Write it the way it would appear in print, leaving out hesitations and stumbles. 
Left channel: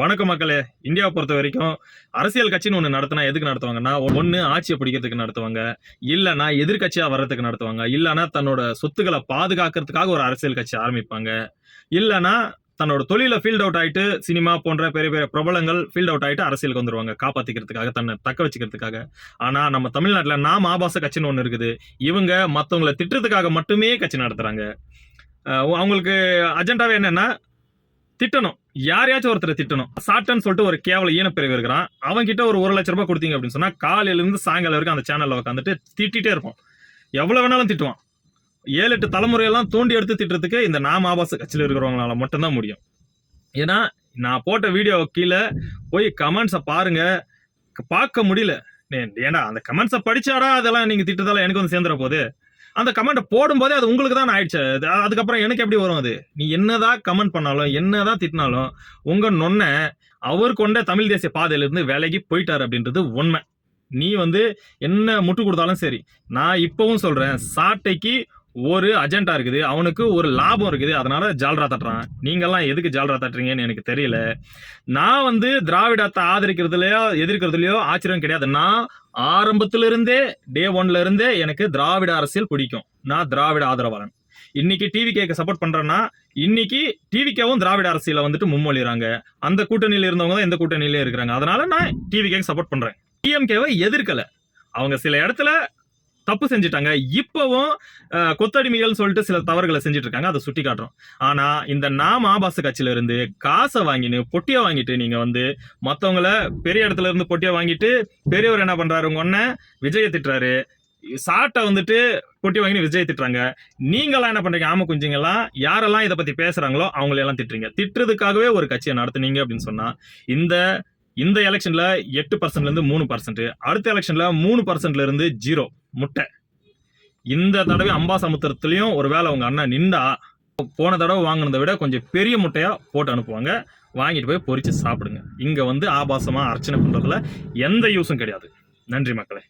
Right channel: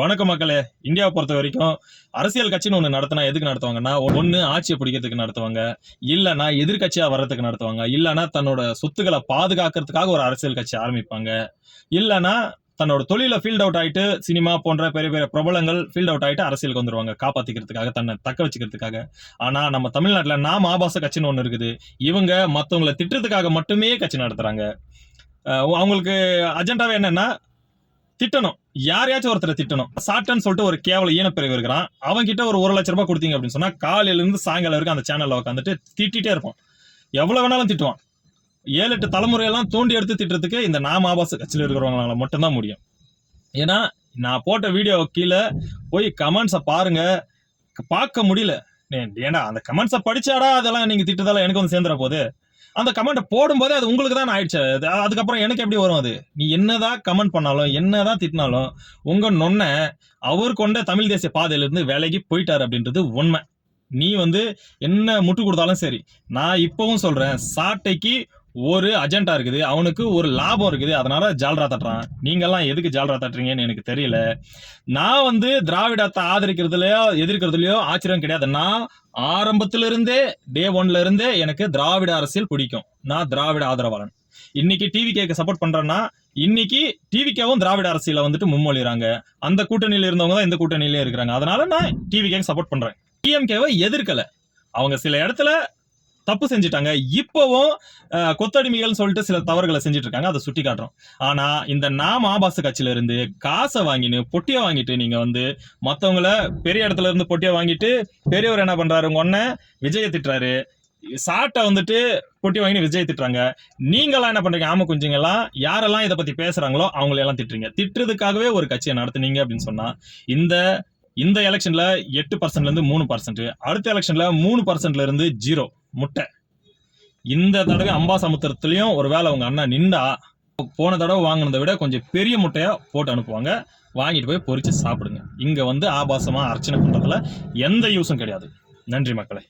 வணக்கம் மக்களே. இந்தியாவை பொறுத்த வரைக்கும் அரசியல் கட்சின்னு ஒண்ணு நடத்தினா எதுக்கு நடத்துவாங்கன்னா, ஒண்ணு ஆட்சியை பிடிக்கிறதுக்கு நடத்துவாங்க, இல்லனா எதிர்க்கட்சியா வர்றதுக்கு நடத்துவாங்க, இல்லனா தன்னோட சொத்துக்களை பாதுகாக்கிறதுக்காக ஒரு அரசியல் கட்சி ஆரம்பிப்பாங்க, இல்லனா தன்னோட தொழில ஃபீல்ட் அவுட் ஆயிட்டு சினிமா போன்ற பெரிய பெரிய பிரபலங்கள் ஃபீல்ட் அவுட் ஆயிட்டு அரசியலுக்கு வந்துருவாங்க, காப்பாத்திக்கிறதுக்காக, தன்னை தக்க வச்சுக்கிறதுக்காக. ஆனா நம்ம தமிழ்நாட்டுல நாம் ஆபாச கட்சின்னு ஒண்ணு இருக்குது. இவங்க மத்தவங்களை திட்டுறதுக்காக மட்டுமே கட்சி நடத்துறாங்க. அவங்களுக்கு அஜெண்டாவே என்னன்னா திட்டணும், யாரையாச்சும் ஒருத்தரை திட்டணும். சாட்டன்னு சொல்லிட்டு ஒரு கேவல ஈனப்பிரிவு இருக்கிறான், அவன் கிட்ட ஒரு 1 லட்சம் ரூபாய் கொடுத்தீங்க அப்படின்னு சொன்னா காலையில இருந்து சாயங்காலம் வரைக்கும் அந்த சேனல்ல உட்காந்துட்டு திட்டிட்டே இருப்போம். எவ்வளவு வேணாலும் திட்டுவான். 7-8 தலைமுறையெல்லாம் தோண்டி எடுத்து திட்டுறதுக்கு இந்த நாம் ஆபாச கட்சியில இருக்கிறவங்களால மட்டும்தான் முடியும். ஏன்னா நான் போட்ட வீடியோ கீழே போய் கமெண்ட்ஸை பாருங்க, பார்க்க முடியல. ஏன்னா அந்த கமெண்ட்ஸை படிச்சாடா அதெல்லாம் நீங்க திட்டுறதால எனக்கு வந்து சேர்ந்துற போது, அந்த கமெண்ட் போடும்போதே அது உங்களுக்கு தான் ஆயிடுச்சு. அதுக்கப்புறம் எனக்கு எப்படி வரும்? அது நீ என்னதான் கமெண்ட் பண்ணாலும் என்னதான் திட்டினாலும் உங்க நொன்ன அவர் கொண்ட தமிழ் தேசிய பாதையில இருந்து விலகி போயிட்டாரு அப்படின்றது உண்மை. நீ வந்து என்ன முட்டு கொடுத்தாலும் சரி, நான் இப்பவும் சொல்றேன், சாட்டைக்கு ஒரு அஜெண்டா இருக்குது, அவனுக்கு ஒரு லாபம் இருக்குது, அதனால ஜால்ரா தட்டுறான். நீங்க எல்லாம் எதுக்கு ஜால்ரா தட்டுறீங்கன்னு எனக்கு தெரியல. நான் வந்து திராவிடத்தை ஆதரிக்கிறதுலயோ எதிர்க்கிறதுலயோ ஆச்சரியம் கிடையாது. நான் ஆரம்பத்துல இருந்தே டே 1ல இருந்தே எனக்கு திராவிட அரசியல் பிடிக்கும். நான் திராவிட ஆதரவாளன். இன்னைக்கு டிவிகேக்கு சப்போர்ட் பண்றேன்னா இன்னைக்கு டிவிகேவும் திராவிட அரசியல வந்துட்டு முன்மொழிறாங்க. அந்த கூட்டணியில இருந்தவங்க தான் இந்த கூட்டணியில இருக்கிறாங்க. அதனால நான் டிவிகேக்கு சப்போர்ட் பண்றேன். டிஎம்கேவை எதிர்க்கல. அவங்க சில இடத்துல தப்பு செஞ்சுட்டாங்க. இப்பவும் கொத்தடிமைகள் சொல்லிட்டு சில தவறுகளை செஞ்சுட்டு இருக்காங்க, அதை சுட்டி காட்டுறோம். ஆனா இந்த நாம் ஆபாச கட்சியில இருந்து காசை வாங்கிட்டு பொட்டியை வாங்கிட்டு நீங்க வந்து மத்தவங்கள பெரிய இடத்துல இருந்து பொட்டியை வாங்கிட்டு பெரியவர் என்ன பண்றாரு, உங்க ஒன்ன விஜய திட்டுறாரு, சாட்டை வந்துட்டு பொட்டி வாங்கி விஜய் திட்டுறாங்க. நீங்களாம் என்ன பண்றீங்க? ஆம குஞ்சுங்கெல்லாம் யாரெல்லாம் இதை பத்தி பேசுறாங்களோ அவங்களெல்லாம் திட்டுறீங்க. திட்டுறதுக்காகவே ஒரு கட்சியை நடத்துனீங்க அப்படின்னு சொன்னா இந்த எலெக்ஷன்ல 8% இருந்து 3%, அடுத்த எலெக்ஷன்ல 3% இருந்து 0 முட்டை. இந்த தடவை அம்பாசமுத்திரத்திலையும் ஒரு வேளை உங்க அண்ணன் நின்றா போன தடவை வாங்கினதை விட கொஞ்சம் பெரிய முட்டையா போட்டு அனுப்புவாங்க, வாங்கிட்டு போய் பொரிச்சு சாப்பிடுங்க. இங்க வந்து ஆபாசமா அர்ச்சனை பண்றதுல எந்த யூஸும் கிடையாது. நன்றி மக்களே.